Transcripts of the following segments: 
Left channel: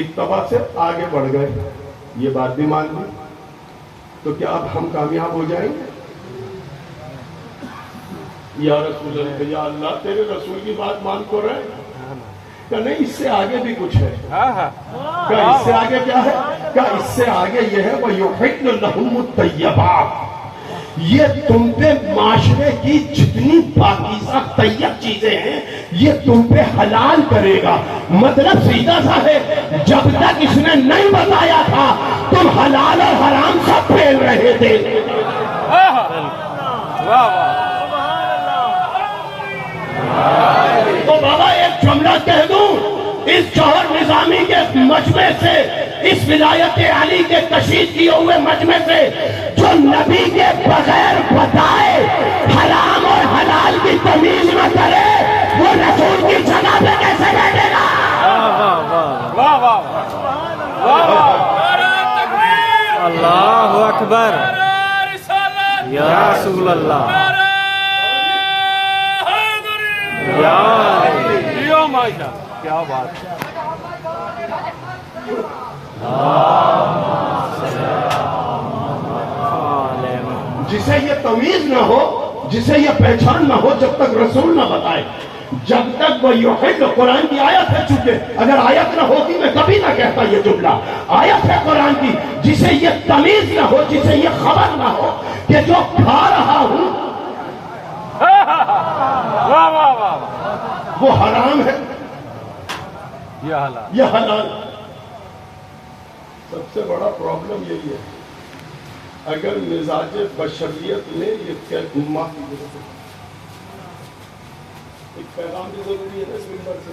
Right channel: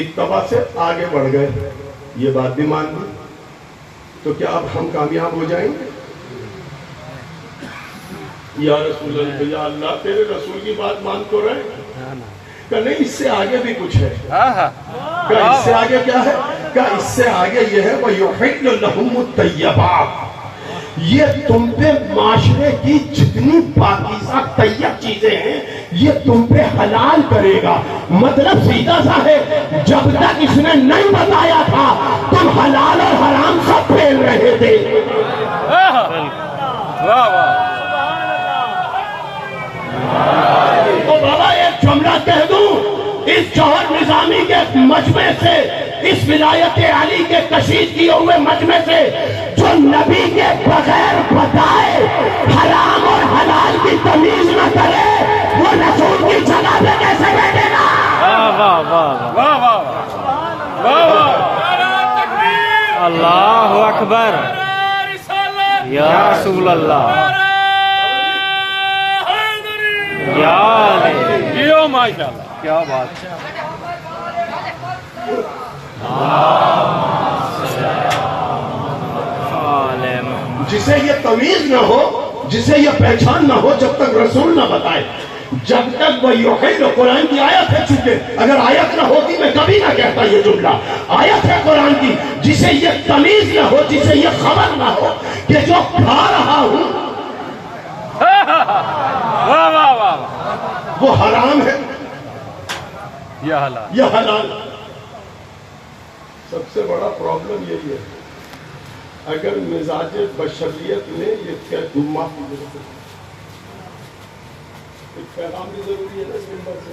اتباع سے آگے بڑھ گئے، یہ بات بھی مان لی، تو کیا اب ہم کامیاب ہو جائیں گے؟ یا رسول اللہ، یا اللہ تیرے رسول کی بات مان تو رہے کہ نہیں، اس سے آگے بھی کچھ ہے؟ کیا اس سے آگے کیا ہے؟ کیا اس سے آگے یہ ہے وَيُحِلُّ لَهُمُ الطَّيِّبَاتِ، یہ تم پہ معاشرے کی جتنی پاکیزہ طیب چیزیں ہیں یہ تم پہ حلال کرے گا۔ مطلب سیدھا سا ہے، جب تک اس نے نہیں بتایا تھا تم حلال اور حرام سب پھیل رہے تھے۔ تو بابا ایک جملہ کہہ دوں، اس جوہر نظامی کے مجمع سے، اس ولایت علی کے کشید کیے ہوئے مجمع سے، جو نبی کے بغیر بتائے حرام اور حلال کی تمیز نہ کرے، وہ رسول کی جگہ پہ کیسے بیٹھے گا؟ اللہ اکبر، یا رسول اللہ، یا جیو ماشاء اللہ، کیا بات ہے۔ جسے یہ تمیز نہ ہو، جسے یہ پہچان نہ ہو، جب تک رسول نہ بتائے، جب تک وہ یحل، قرآن کی آیت ہے، چونکہ اگر آیت نہ ہوتی میں کبھی نہ کہتا یہ جملہ، آیت ہے قرآن کی، جسے یہ تمیز نہ ہو، جسے یہ خبر نہ ہو کہ جو کھا رہا ہوں وہ حرام ہے یہ حلال۔ سب سے بڑا پرابلم یہی ہے، اگر مزاج بشریت میں یہ معافی ایک پیغام بھی ضروری ہے نا اس ممبر سے،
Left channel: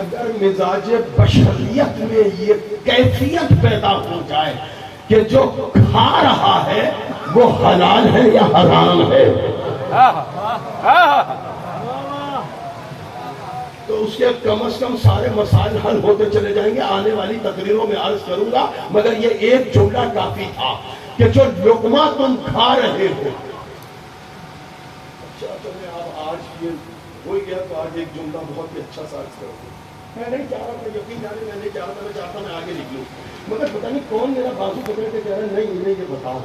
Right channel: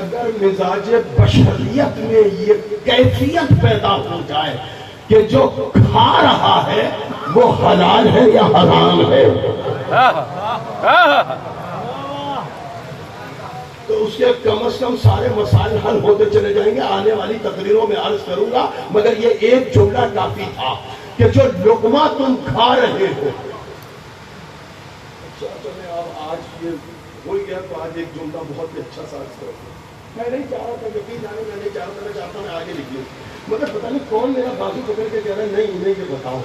اگر مزاج بشریت میں یہ کیفیت پیدا ہو جائے کہ جو کھا رہا ہے وہ حلال ہے یا حرام ہے، تو اس کے کم از کم سارے مسائل حل ہوتے چلے جائیں گے۔ آنے والی تقریروں میں عرض کروں گا، مگر یہ ایک جملہ کافی تھا کہ جو لقمہ تم کھا رہے ہو، اچھا چلے آپ آج یہ بھول گیا تو آج ایک جملہ بہت ہی اچھا سا عرض کرتے، میں نہیں چاہ رہا تھا، یقین جانے میں نہیں چاہ رہا تھا، میں چاہتا میں آگے نکلوں، مگر پتہ نہیں کون میرا بازو پکڑ کے کہہ رہا ہے نہیں انہیں یہ بتاؤ۔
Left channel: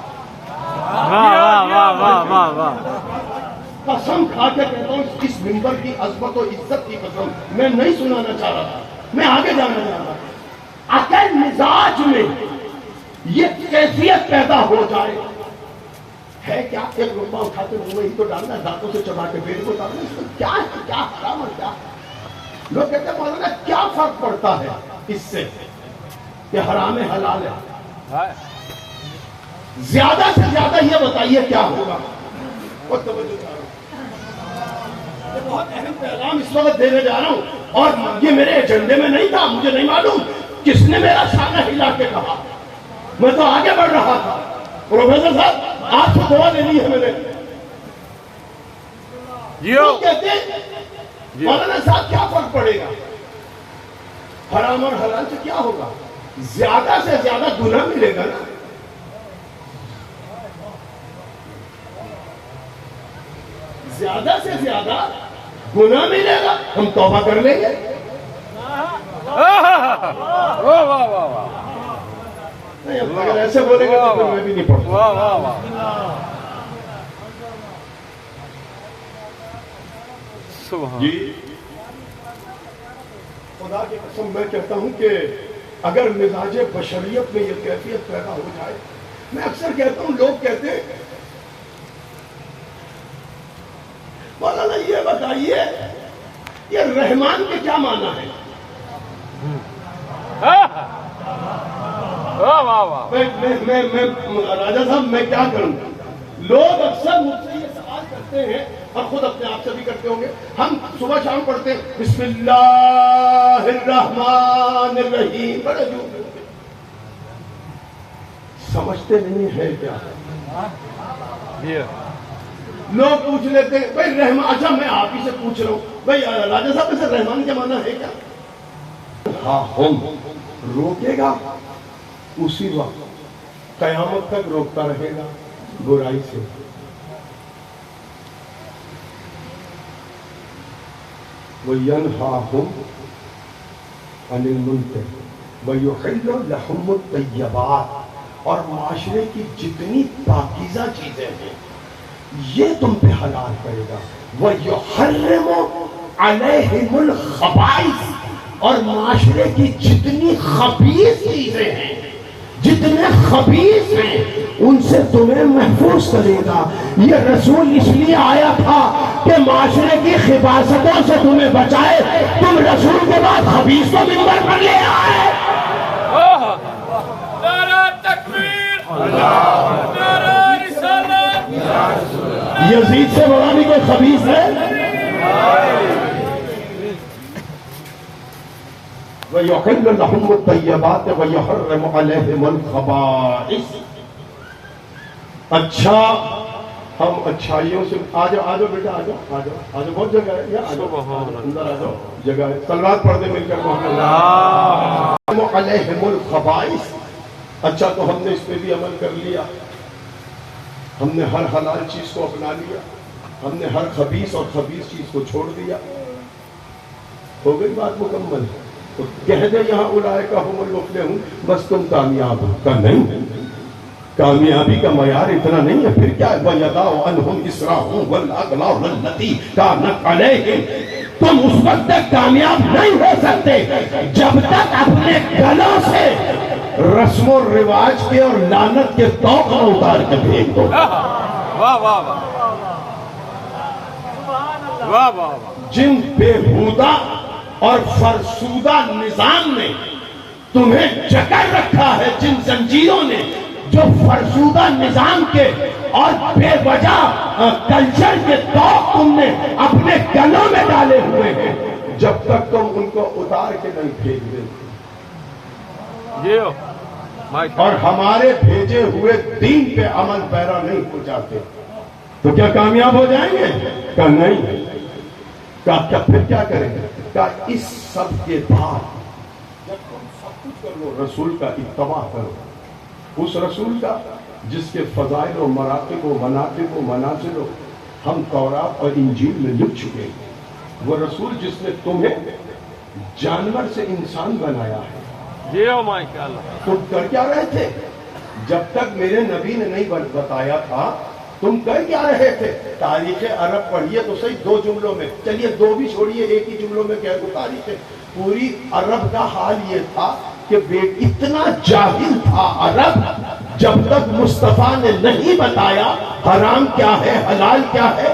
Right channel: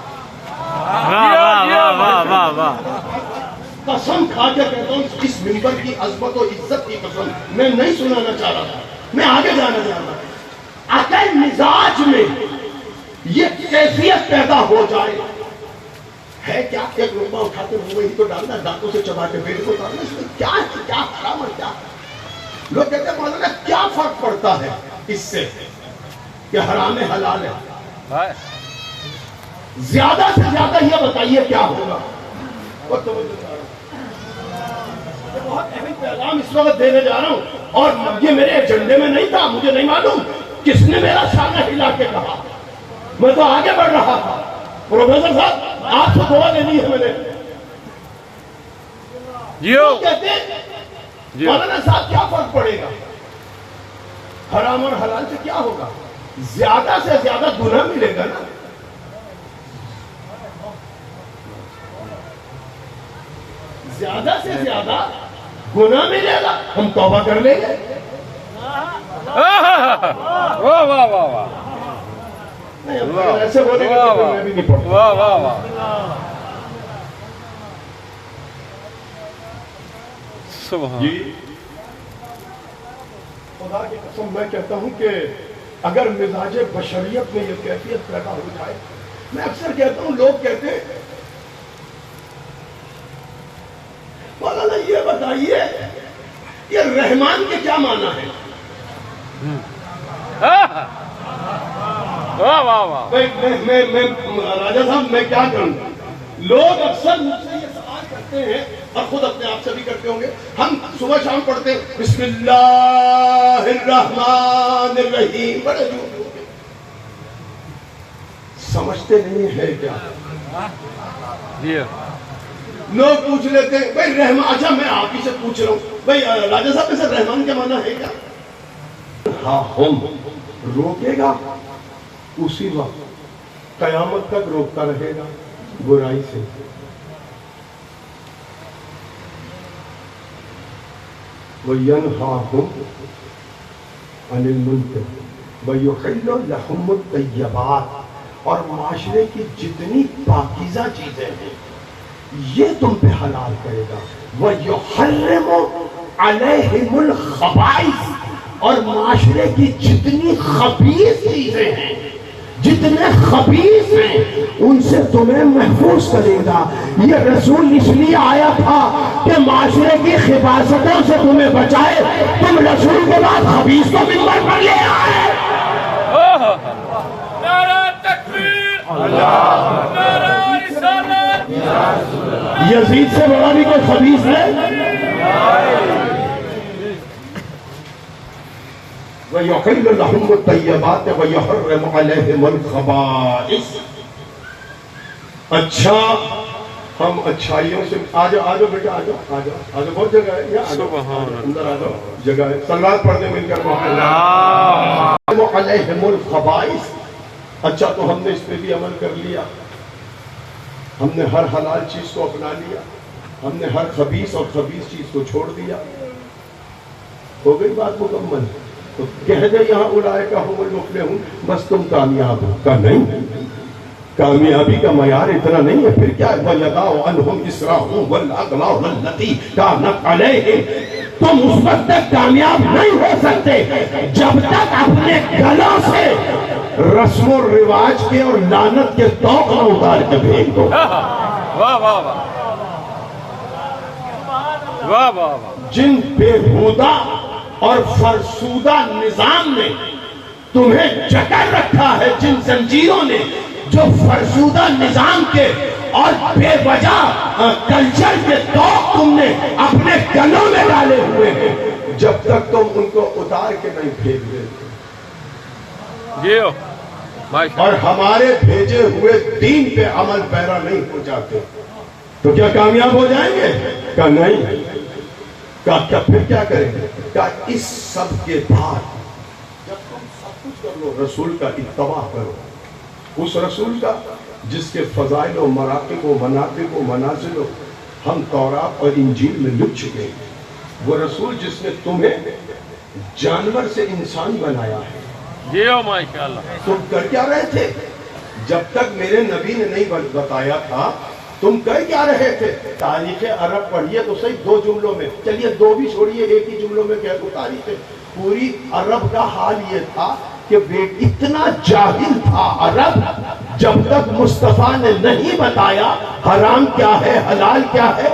قسم کھا کے کہتا ہوں اس منبر کی عظمت و عزت کی قسم، میں نہیں سنانا چاہ رہا تھا، میں آگے جانا چاہ رہا تھا۔ اگر مزاج میں یہ کیفیت پیدا ہو جائے ہے کیا، ایک لقمہ اٹھا کے منہ میں ہی تو ڈالنا، دانتوں سے چبا کے پیٹ کو ڈالنا، اس میں کیا ہے، کیا حرام اور کیا؟ لوگ کہتے ہیں مولانا کیا فرق پڑتا ہے اس سے کہ حرام ہے حلال ہے؟ زیادہ سے زیادہ یہ بتائیے کیا ہوگا؟ اور توجہ چاہ رہا ہوں، یہ بہت اہم پیغام اس وقت دینے جا رہا ہوں، اور یہ میرے ایجنڈے میں نہیں تھا، مجھے نہیں معلوم کس نے میرا سامنا ہلا کے کہا، میں تو آگے بڑھ رہا تھا۔ پروفیسر صاحب آپ سے دعا لینی ہے میں نے، کہتے ہیں مولانا صاحب کیا فرق پڑے گا، حرام اور حلال سے کیا ہوگا؟ زیادہ سے زیادہ گناہ ملے گا نا، زیادہ سے زیادہ گناہ ملے گا، ہم توبہ کر لیں گے۔ اگر ایسے بولے گے تو میں بھی نہیں پڑھتا۔ جی خدا کی قسم میں کہتا ہوں کہ اگر مزاج بشریت میں یہ کیفیت پیدا ہو جائے، میں اکثر کہتا ہوں، لوگ کہتے ہیں مولانا یہ بتائیے یہ رحمان کے کیا معنی ہے؟ راجہ صاحب میں کیا کروں، لوگ اکثر مجھ سے یہ سوال کرتے ہیں اور خود اپنے آپ سے بھی کرتے ہوں گے، ہم صبح شام پڑھتے ہیں بسم اللہ الرحمن الرحیم، بڑے جو سمجھتے نہیں ہے کیا؟ لوگ پوچھ لیتے ہیں بھائی رحمان، اچھا میں آپ ہی سے پوچھ رہا ہوں بھائی راجہ صاحب سے رحمان کے معنی ہے کیا؟ ہاں ہم روکے گا اسی وقت قیامت تک روکتا رہے گا برائی سے۔ وَيَنْهَاهُمْ عن المنکر وَيُحِلُّ لَهُمُ الطَّيِّبَاتِ، اور معاشرے کی جتنی پاکیزہ چیزیں ہیں یہ تم پہ حلال کرے گا. وَيُحَرِّمُ عَلَيْهِمُ الْخَبَائِثَ، اور معاشرے کی جتنی خبیث چیزیں ہیں، جتنے خبیث ہیں ان سے تمہیں محفوظ کرے گا. یہ رسول اس لیے آیا تھا کہ معاشرے کی خباثتوں سے تمہیں بچائے. تم رسول کے بعد خبیث کو ممبر پر لے آئے. نعرہ تکبیر، نعرہ رسالت، یزید سے بڑا بھی کوئی خبیث ہے؟ وَيُحِلُّ لَهُمُ الطَّيِّبَاتِ وَيُحَرِّمُ عَلَيْهِمُ الْخَبَائِثَ. اچھا، ہم اچھائیوں سے آجو بیٹا، آجو بہت جگہ ہے، یا آجو اندر آجو، جگہ ہے. صلوات پڑھتے مل کر علیہم الخبائث. اچھا، تو ہم نے اس پہ بھی عمل کر لیا، ہم نے ہر حلال چیز کو اپنا لیا، ہم نے ہر خبیث اور خبیث چیز کو چھوڑ دیا. ہو گئی بات مکمل. تو کہہ دے یہاں اولئک هم المفلحون، بس تم کامیاب ہو. کا نہیں، کامیابی کا معیار اتنا نہیں ہے. پھر کیا ہے؟ وَيَضَعُ عَنْهُمْ إِصْرَهُمْ وَالْأَغْلَالَ الَّتِي كَانَتْ عَلَيْهِمْ. تم اس وقت تک کامیاب نہیں ہو سکتے جب تک اپنے گلوں سے رسم و رواج کے اور لعنت کے توق نہ اتار کے پھینک دو. واہ واہ واہ واہ. جن بےہودہ اور فرسودہ نظام نے تمہیں جکڑ رکھا ہے، جن زنجیروں نے جو فرسودہ نظام کے اور بے وجہ کلچر کے توق تم نے اپنے گلوں میں ڈالے ہوئے ہیں، جب تک تم ان کو اتار کے نہیں پھینک دیتے اور ہمارے بھیجے ہوئے دین پہ عمل پیرا نہیں ہو جاتے تو کیا کامیاب ہو جائیں گے؟ کہ نہیں. کیا پھر کیا کریں گے؟ کہ اس سب کے بعد جب تم سب کچھ کر لو، رسول کا اتباع کرو، اس رسول کا جس کے فضائل و مراقب و مناقب و منازل ہم تورات اور انجیل میں لکھ چکے ہیں. وہ رسول جس نے تمہیں جانور سے انسان بنایا ہے. تم کر کیا رہے تھے جب تک میرے نبی نے نہیں بتایا تھا؟ تم کر کیا رہے تھے؟ تاریخ عرب پڑھیے تو صحیح 2 جملوں میں، چلیے 2 بھی چھوڑیے، ایک ہی جملوں میں کہہ دو. تاریخ پوری عرب کا حال یہ تھا کہ اتنا جاہل تھا عرب، جب تک مصطفیٰ نے نہیں بتایا حرام کیا ہے حلال کیا ہے،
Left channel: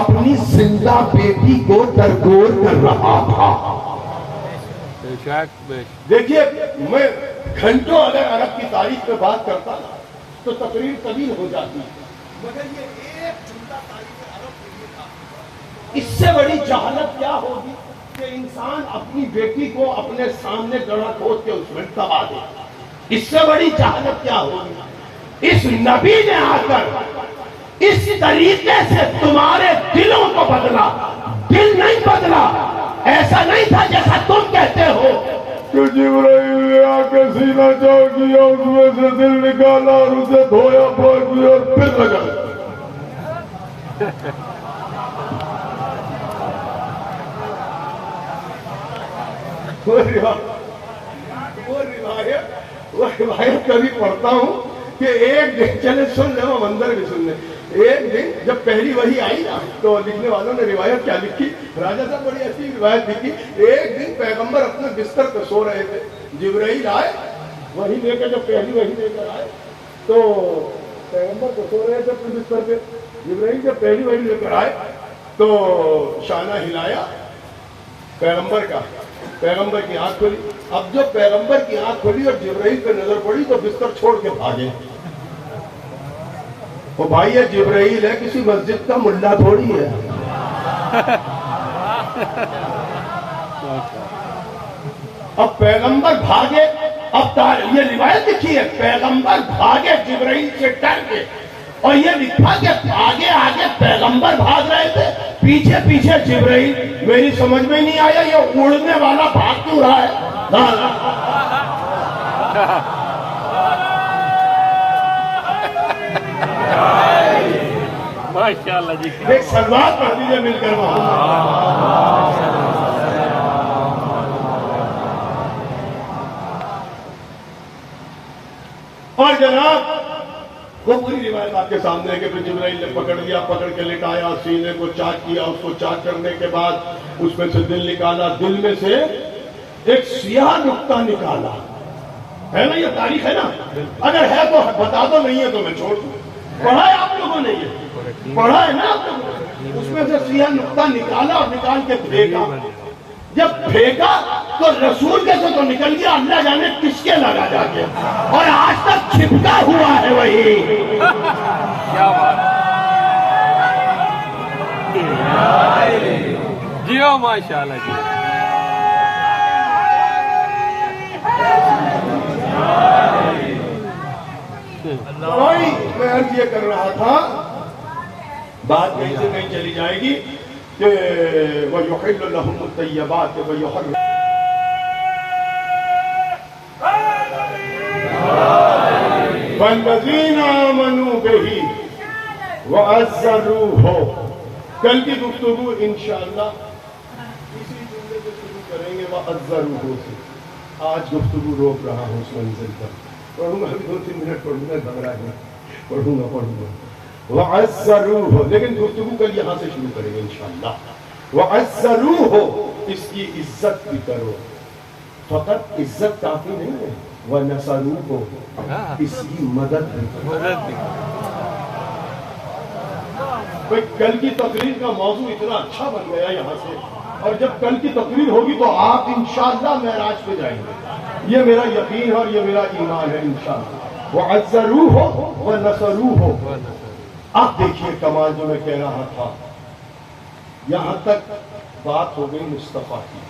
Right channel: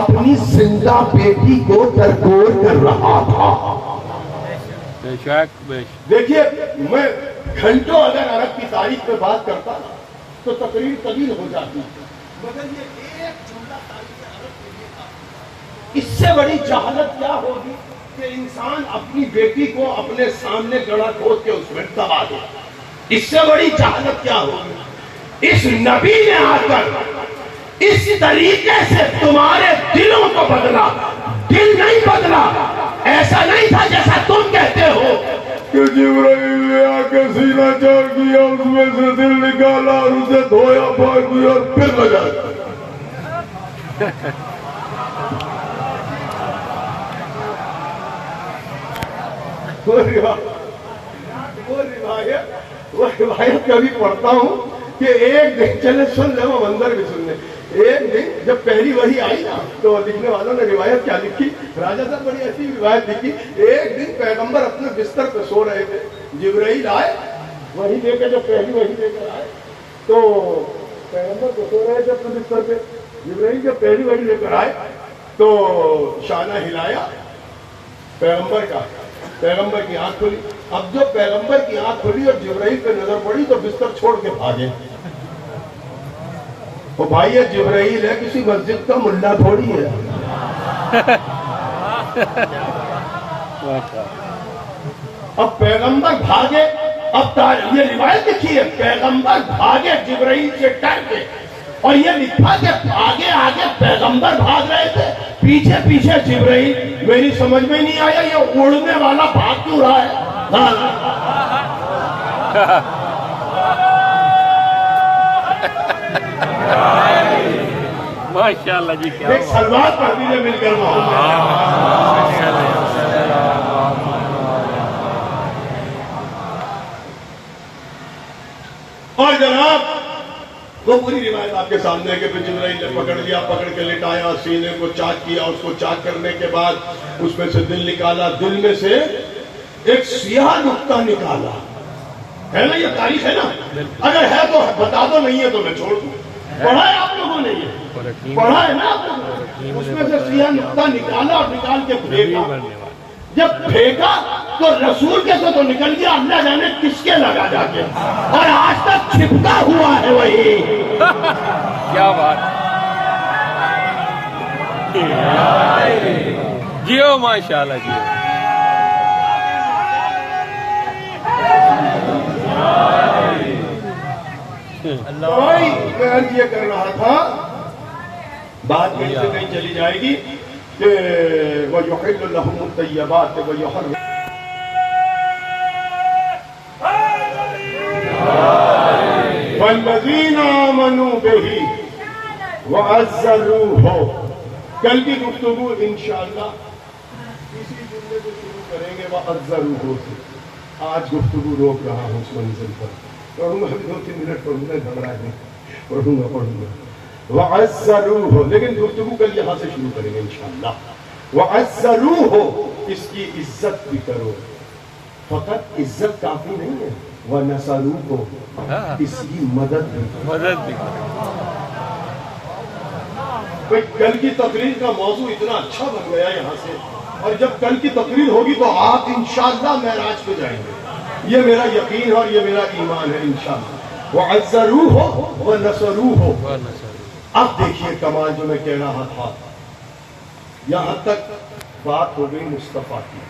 اپنی زندہ بیٹی کو درگور کر رہا تھا. دیکھیے، میں گھنٹوں اگر عرب کی تاریخ پہ بات کرتا نا تو تقریر طویل ہو جاتی، مگر یہ ایک جملہ تاریخ عرب کے لیے تھا. اس سے بڑی جہالت کیا ہوگی کہ انسان اپنی بیٹی کو اپنے سامنے گڑھا کھود کے اس میں دبا دے. اس سے بڑی جہالت کیا ہوگی؟ اس نبی نے آ کر اس طریقے سے تمہارے دلوں کو بدلا. دل نہیں بدلا، ایسا نہیں تھا جیسا تم کہتے ہو کہ جبرائیل نے آ کے سینہ چاک کیا، اس میں سے دل نکالا اور اسے دھویا پھاڑ دیا اور پھر لگا. وہ روایت کبھی پڑھتا ہوں کہ ایک دن، چلے سن لے، وہ منظر بھی سن لے. ایک دن جب پہلی وحی آئی نا تو لکھنے والوں نے روایت کیا لکھی، راجہ صاحب بڑی اچھی روایت لکھی. ایک دن پیغمبر اپنے بستر پہ سو رہے تھے، جبرائیل آئے وحی دے کے، جو پہلی وحی دے کر آئے تو پیغمبر کو سو رہے تھے اپنے بستر پہ. جبرائیل جب پہلی وحی لے کر آئے تو شانہ ہلایا پیغمبر کا، پیغمبر کی آنکھ کھلی. اب جب پیغمبر کی آنکھ کھلی اور جبرائیل پہ نظر پڑی تو بستر چھوڑ کے بھاگے. وہ بھائی یہ جبرائیل ہے، کسی مسجد کا ملا تھوڑی ہے. اب پیغمبر بھاگے. اب یہ روایت لکھی ہے پیغمبر بھاگے جبرائیل سے ڈر کے، اور یہ لکھا کہ آگے آگے پیغمبر بھاگ رہے تھے، پیچھے پیچھے جبرائیل. میری سمجھ میں نہیں آیا یہ اڑنے والا بھاگ کیوں رہا ہے. ماشاءاللہ جی، ایک سلوات پڑھ دیجیے مل کر. اور جناب وہ پوری روایت آپ کے سامنے ہے کہ پھر جبرائیل نے پکڑ لیا، پکڑ کے لٹایا، سینے کو چاک کیا، اس کو چاک کرنے کے بعد اس میں سے دل نکالا، دل میں سے ایک سیاہ نقطہ نکالا. ہے نا، یہ تاریخ ہے نا، اگر ہے تو بتا دو، نہیں ہے تو میں چھوڑ دوں. پڑھا ہے آپ لوگوں نے، یہ پڑھا ہے نا آپ لوگوں نے. اس میں سے سیاہ نقطہ نکالا اور نکال کے پھینکا. جب پھینکا تو رسول کے سے تو نکل گیا، اللہ جانے کس کے لگا جا کے، اور آج تک چھپتا ہوا ہے وہی. کیا بات. جیو ماشاءاللہ جی. بھائی میں عرض یہ کر رہا تھا، بات کہیں سے کہیں چلی جائے گی کہ وَيُحِلُّ لَهُمُ الطَّيِّبَاتِ وَيُحَرِّمُ. وَالَّذِينَ آمَنُوا بِهِ وَعَزَّرُوهُ. کل کی گفتگو انشاءاللہ اسی جملے سے شروع کریں گے، وَعَزَّرُوهُ سے. آج گفتگو روک رہا ہوں اس منزل پر. پڑھوں گا 2-3 منٹ پڑھوں گا، گھبرا گیا، پڑھوں گا. وَعَزَّرُوهُ، لیکن گفتگو کل یہاں سے شروع کریں گے انشاءاللہ. وَعَزَّرُوهُ، اس کی عزت بھی کرو. فقط عزت کافی نہیں ہے، وَنَصَرُوهُ، اس کی مدد بھی کرو. مدد بھی. کل کی تقریر کا موضوع اتنا اچھا بن گیا یہاں سے، اور جب کل کی تقریر ہوگی تو آپ انشاءاللہ معراج پہ جائیں گے. یہ میرا یقین ہے اور یہ میرا ایمان ہے انشاءاللہ. وَعَزَّرُوهُ وَنَصَرُوهُ. اب دیکھیے کمال جو میں کہہ رہا تھا، یہاں تک بات ہو گئی مصطفیٰ کی.